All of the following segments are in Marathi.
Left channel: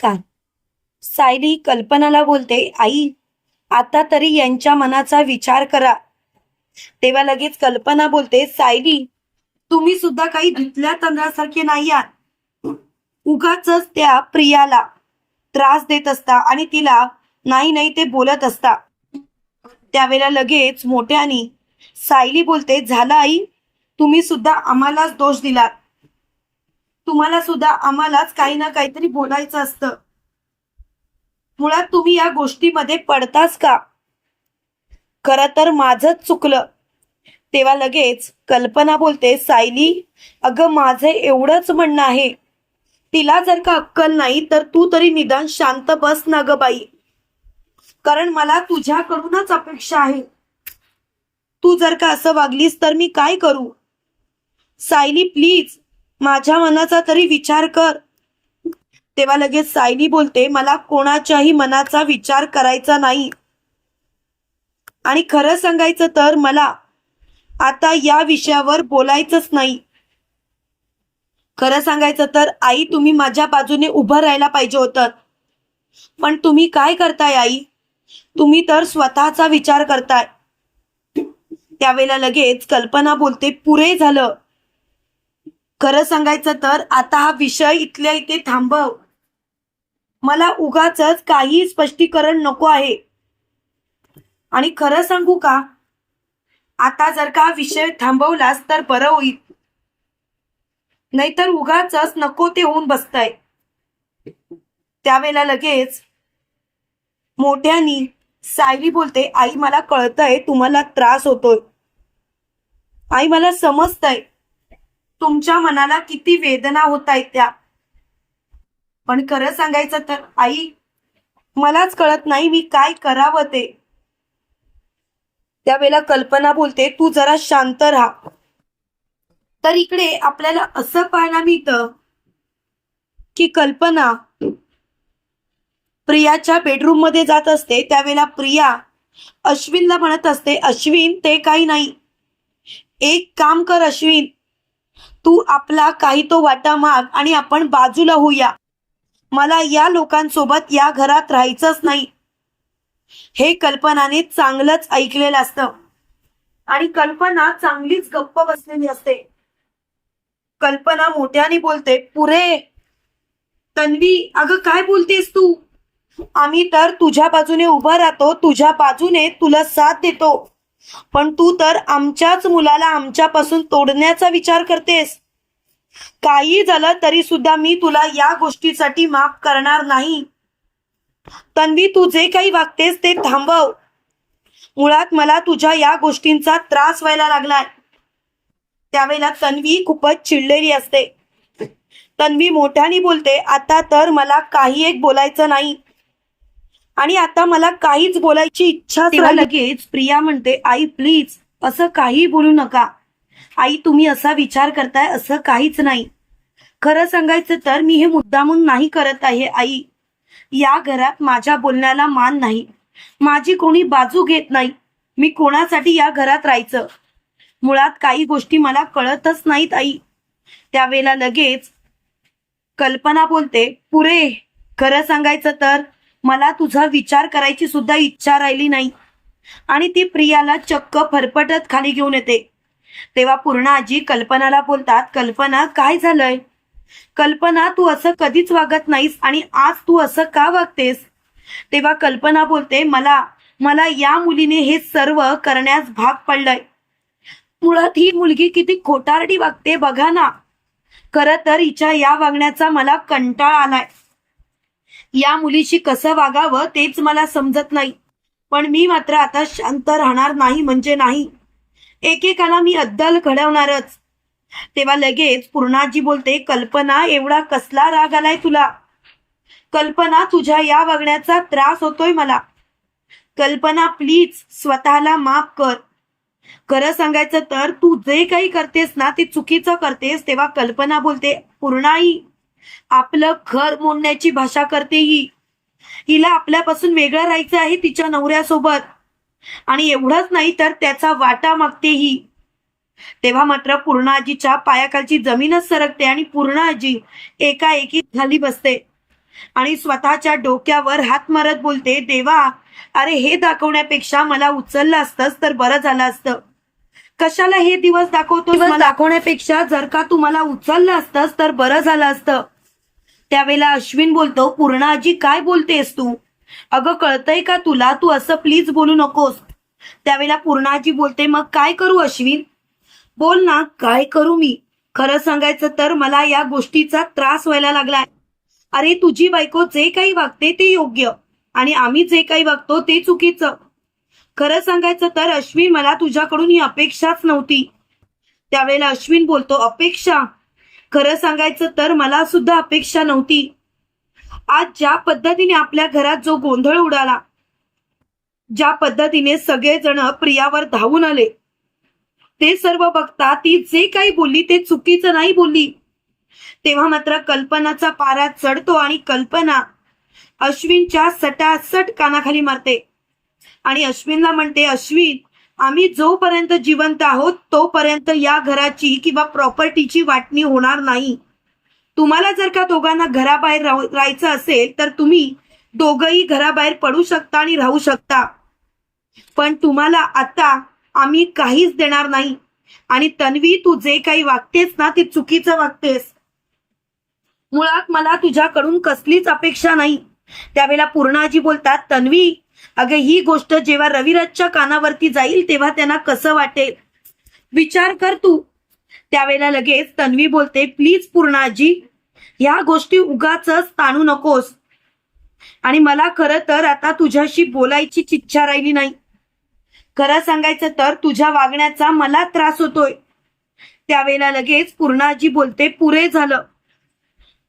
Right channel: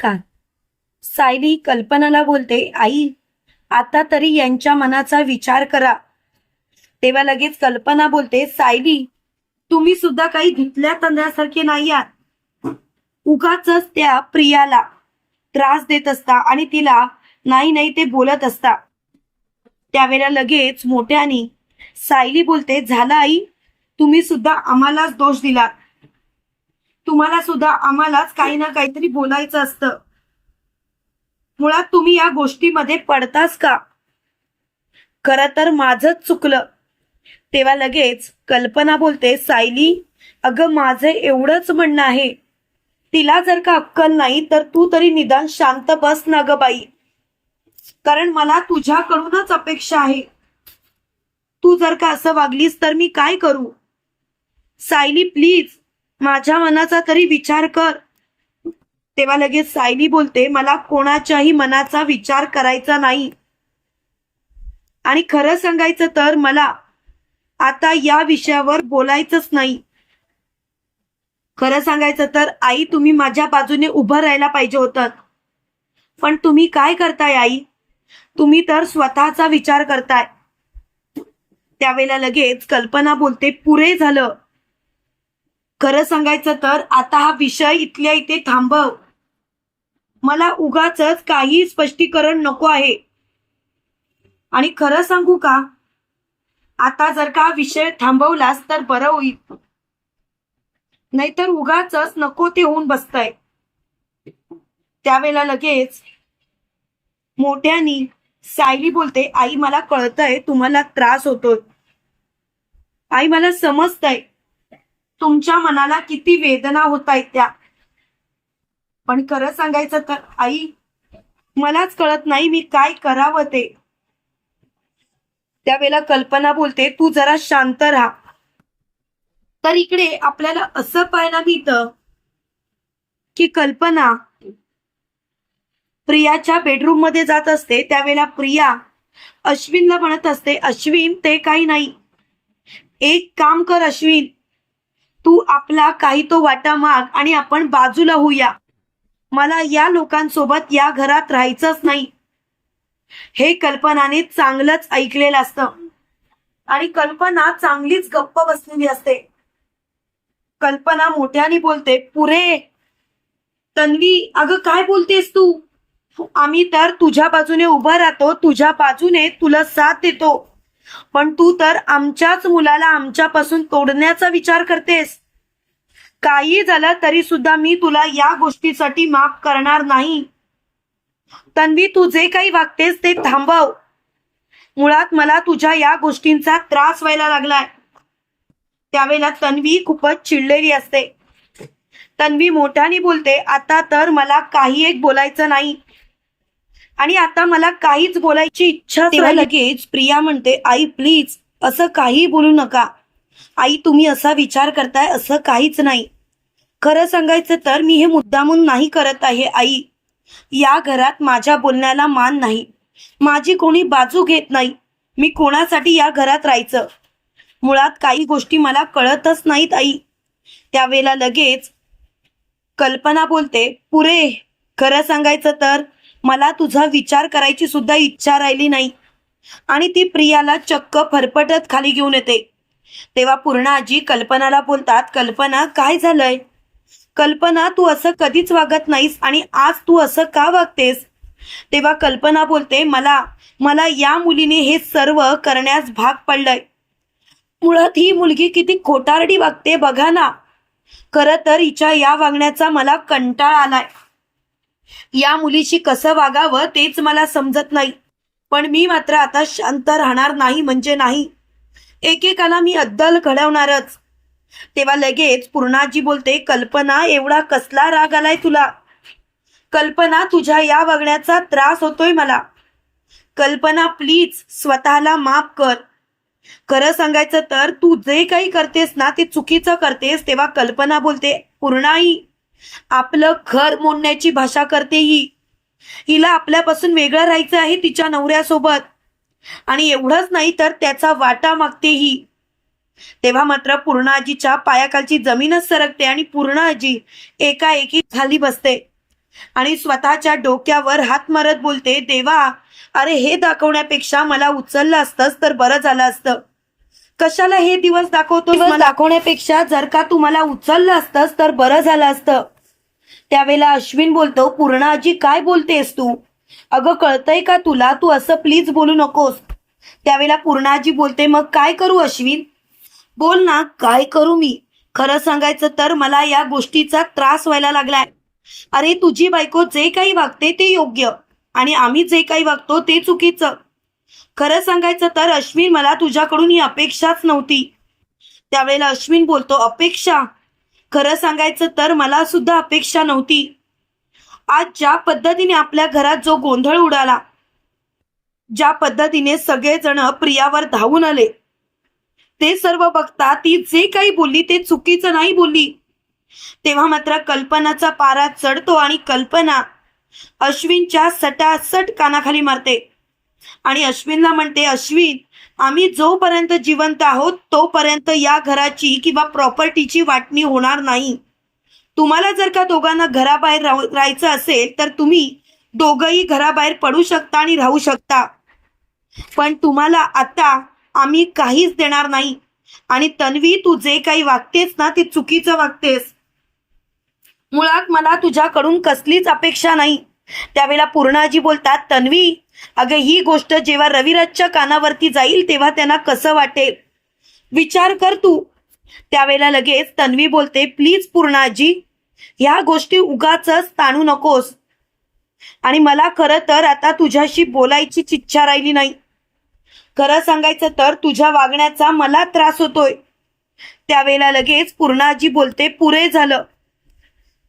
नमस्कार. सायली कल्पनाला बोलते आई आता तरी यांच्या मनाचा विचार करा. तेव्हा लगेच कल्पना बोलते सायली तुम्ही सुद्धा काही धुतल्या तांदळासारखे नाही आहात. उगाच त्या प्रियाला त्रास देत असता आणि तिला नाही नाही ते बोलत असता. त्यावेळेला लगेच मोठ्यानी सायली बोलते झाला आई तुम्ही सुद्धा आम्हालाच दोष दिलात. तुम्हाला सुद्धा आम्हालाच काही ना काहीतरी बोलायचं असतं. मुळात तुम्ही या गोष्टीमध्ये पडताच का? खर तर माझंच चुकलं. तेव्हा लगेच कल्पना बोलते सायली अगं माझं एवढंच म्हणणं आहे. तिला जर का अक्कल नाही तर तू तरी निदान शांत बस ना ग बाई. कारण मला तुझ्याकडूनच अपेक्षा आहे. तू जर का असं वागलीस तर मी काय करू? सायली प्लीज माझ्या मनाचा तरी विचार कर. तेव्हा लगेच सायली बोलते मला कोणाच्याही मनाचा विचार करायचा नाही. आणि खरं सांगायचं तर मला आता या विषयावर बोलायचंच नाही. खरं सांगायचं तर आई तुम्ही माझ्या बाजूने उभं राहायला पाहिजे होतं. पण तुम्ही काय करताय आई? तुम्ही तर स्वतःचा विचार करताय. त्यावेळेला लगेच कल्पना बोलते पुरे झालं. खरं सांगायचं तर आता हा विषय इथल्या इथे थांबव. मला उगाच काही स्पष्टीकरण नको आहे. आणि खरं सांगू का? आता जर का हा विषय थांबवलास तर बरं होईल. नाहीतर उगाच नको ते होऊन बसतय. त्यावेळेला लगेच मोठ्यानी सायली बोलते आई मला कळतंय तुम्हाला त्रास होतोय. आई मला समजतंय. तुमच्या मनाला किती वेदना होत आहेत त्या. पण खरं सांगायचं तर आई मलाच कळत नाही मी काय करावं ते. त्यावेळेला कल्पना बोलते तू जरा शांत राहा. तर इकडे आपल्याला असं पाहायला मिळतं की कल्पना प्रियाच्या बेडरूममध्ये जात असते त्यावेळेला प्रिया अश्विनला म्हणत असते अश्विन ते काही नाही. एक काम कर अश्विन तू आपला काही तो वाटा माग आणि आपण बाजूला होऊया. मला या लोकांसोबत या घरात राहायचंच नाही. हे कल्पनाने चांगलंच ऐकलेलं असतं. आणि कल्पना चांगलीच गप्प बसलेली असते. कल्पना मोठ्याने बोलते पुरे तन्वी अगं काय बोलतेस तू? आम्ही तर तुझ्या बाजूने उभं राहतो तुझ्या बाजूने तुला साथ देतो. पण तू तर आमच्याच मुलाला आमच्यापासून तोडण्याचा विचार करतेस. काही झालं तरी सुद्धा मी तुला या गोष्टीसाठी माफ करणार नाही. तन्वी तू जे काही वागतेस ते थांबव. मुळात मला तुझ्या या गोष्टींचा त्रास व्हायला लागलाय. त्यावेळेला तन्वी खूपच चिडलेली असते. तन्वी मोठ्याने बोलते आता तर मला काही एक बोलायचं नाही. आणि आता मला काहीच बोलायची इच्छा तेव्हा लगेच प्रिया म्हणते आई प्लीज असं काही बोलू नका. आई तुम्ही असा विचार करताय असं काहीच नाही. खरं सांगायचं तर मी हे मुद्दामून नाही करत आहे आई. या घरात माझ्या बोलण्याला मान नाही. माझी कोणी बाजू घेत नाही. मी कोणासाठी या घरात राहायचं? मुळात काही गोष्टी मला कळतच नाहीत आई. त्यावेळेला लगेच कल्पना बोलते पुरे खरं सांगायचं तर मला तुझा विचार करायची सुद्धा इच्छा राहिली नाही. आणि ती प्रियाला चक्क फरफटत खाली घेऊन येते. तेव्हा पूर्ण आजी कल्पनाला बोलतात कल्पना काय झालंय? कल्पना तू असं कधीच वागत नाहीस आणि आज तू असं का वागतेस? तेव्हा कल्पना बोलते मला मला या मुलीने हे सर्व करण्यास भाग पडलंय. मुळात ही मुलगी किती खोटारडी वागते बघा ना. खरं तर हिच्या या वागण्याचा मला कंटाळा आलाय. या मुलीशी कसं वागावं तेच मला समजत नाही. पण मी मात्र आता शांत राहणार नाही म्हणजे नाही. एकेकाला मी अद्दल घडवणारच. तेव्हा लगेच पूर्णाजी बोलते कल्पना एवढा कसला राग आलाय तुला? कल्पना तुझ्या या वागण्याचा त्रास होतोय मला. कल्पना प्लीज स्वतःला माफ कर. खरं सांगायचं तर तू जे काही करतेस ना ते चुकीचं करतेस तेव्हा कल्पना बोलते पूर्णाई आपलं घर मोडण्याची भाषा करते ही. हिला आपल्यापासून वेगळं राहायचं आहे तिच्या नवऱ्यासोबत. आणि एवढंच नाही तर त्याचा वाटा मागते ही. तेव्हा मात्र पूर्णाजीच्या पायाखालची जमीनच सरकते आणि पूर्णाजी एकाएकी खाली बसते. आणि स्वतःच्या डोक्यावर हात मारत बोलते देवा अरे हे दाखवण्यापेक्षा मला उचललं असतंच तर बरं झालं असतं. कशाला हे दिवस दाखवतो दाखवण्यापेक्षा जर का तू मला उचललं असतंच तर बरं झालं असतं. त्यावेळेला अश्विन बोलतो पूर्णाजी काय बोलतेस तू? अगं कळतंय का तुला? तू असं प्लीज बोलू नकोस. त्यावेळेला पूर्णाजी बोलते मग काय करू अश्विन? बोल ना काय करू मी? खरं सांगायचं तर मला या गोष्टीचा त्रास व्हायला लागलाय. अरे तुझी बायको जे काही वागते ते योग्य आणि आम्ही जे काही वागतो ते चुकीचं. खरं सांगायचं तर अश्विन मला तुझ्याकडून ही अपेक्षाच नव्हती. त्यावेळेला अश्विन बोलतो अपेक्षा? खरं सांगायचं तर मला सुद्धा अपेक्षा नव्हती. आज ज्या पद्धतीने आपल्या घरात जो गोंधळ उडाला ज्या पद्धतीने सगळेजण प्रियावर धावून आले ते सर्व बघता ती जे काही बोलली ते चुकीचं नाही बोलली. तेव्हा मात्र कल्पनाचा पारा चढतो आणि कल्पना अश्विनच्या सटासट कानाखाली मारते. आणि अश्विनला म्हणते अश्विन आम्ही जोपर्यंत जिवंत आहोत तोपर्यंत या घराची किंवा प्रॉपर्टीची वाटणी होणार नाही. तुम्हाला जर का दोघांना घराबाहेर राहायचं असेल तर तुम्ही दोघही घराबाहेर पडू शकता आणि राहू शकता. पण तुम्हाला आता आम्ही काहीच देणार नाही. आणि तन्वी तू जे काही वागतेस ना ते चुकीचं वागतेस. मुळात मला तुझ्याकडून कसलीच अपेक्षा नाही. त्यावेळेला पूर्णाजी बोलतात तन्वी अगं ही गोष्ट जेव्हा रविराजच्या कानावरती जाईल तेव्हा त्यांना कसं वाटेल? विचार कर तू. त्यावेळेला लगेच तन्वी बोलते प्लीज पूर्णाजी ह्या गोष्टी उगाच ताणू नकोस. आणि मला खरं तर आता तुझ्याशी बोलायची इच्छा राहिली नाही. खरं सांगायचं तर तुझ्या वागण्याचा मला त्रास होतोय. त्यावेळेला लगेच पूर्णाजी बोलते पुरे झालं.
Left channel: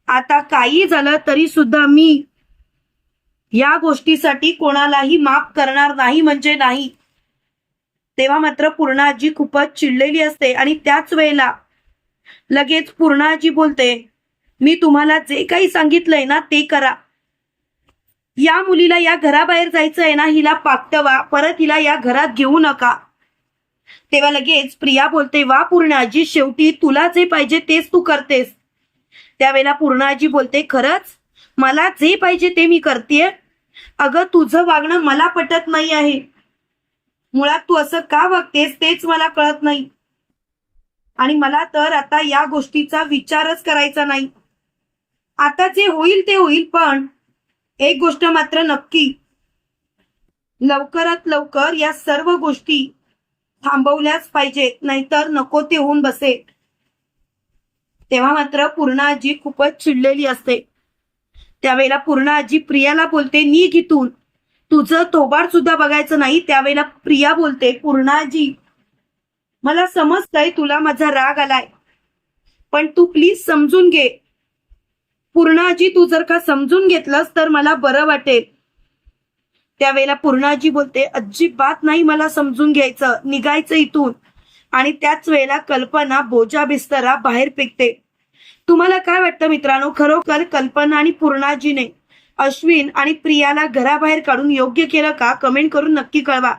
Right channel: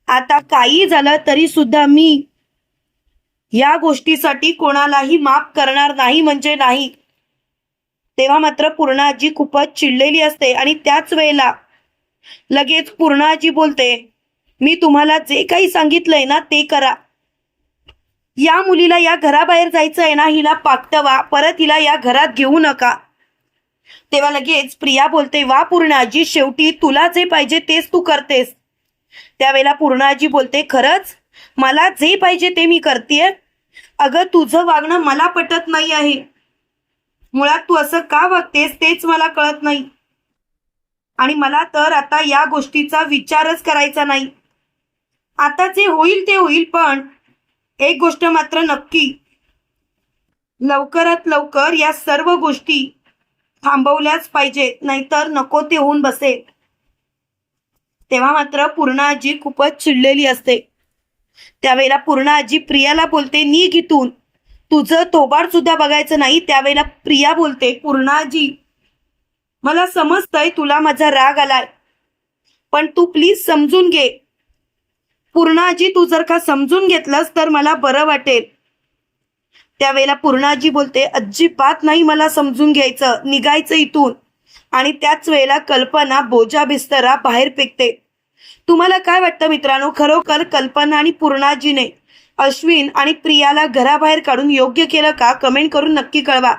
आता काही झालं तरी सुद्धा मी या गोष्टीसाठी कोणालाही माफ करणार नाही म्हणजे नाही. तेव्हा मात्र पूर्णाजी खूपच चिडलेली असते आणि त्याच वेळेला लगेच पूर्णाजी बोलते मी तुम्हाला जे काही सांगितलंय ना ते करा. या मुलीला या घराबाहेर जायचं आहे ना हिला पाकटवा परत हिला या घरात घेऊ नका. तेव्हा लगेच प्रिया बोलते वा पूर्णाजी शेवटी तुला जे पाहिजे तेच तू करतेस. त्यावेळेला पूर्णाजी बोलते खरंच? मला जे पाहिजे ते मी करतेय. अगं तुझं वागणं मला पटत नाही आहे. मुळात तू असं का वागतेस तेच मला कळत नाही. आणि मला तर आता या गोष्टीचा विचारच करायचा नाही. आता जे होईल ते होईल पण एक गोष्ट मात्र नक्की. लवकरात लवकर या सर्व गोष्टी थांबवल्याच पाहिजेत नाहीतर नको ते होऊन बसेल. तेव्हा मात्र पूर्णाजी खूपच चिडलेली असते. त्यावेळेला पूर्ण आजी प्रियाला बोलते नी इथून तुझं तोबाड सुद्धा बघायचं नाही. त्यावेळेला प्रिया बोलते पूर्णाजी मला समजतंय तुला माझा राग आलाय पण तू प्लीज समजून घे. पूर्णाजी तू जर का समजून घेतलंस तर मला बरं वाटेल. त्यावेळेला पूर्णाजी बोलते अजिबात नाही मला समजून घ्यायचं निघायचं इथून. आणि त्याच वेळेला कल्पना बोजा बिस्तरा बाहेर फेकते. तुम्हाला काय वाटतं मित्रांनो? खरोखर कल्पना आणि पूर्णाजीने अश्विन आणि प्रियाला घराबाहेर काढून योग्य केलं का? कमेंट करून नक्की कळवा.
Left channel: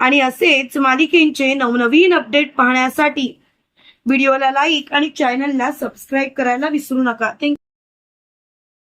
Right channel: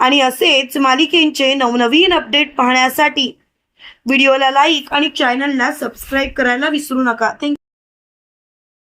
आणि असेच मालिकेंचे नवनवीन अपडेट पाहण्यासाठी व्हिडिओला लाईक आणि चॅनलला सबस्क्राईब करायला विसरू नका. थँक्यू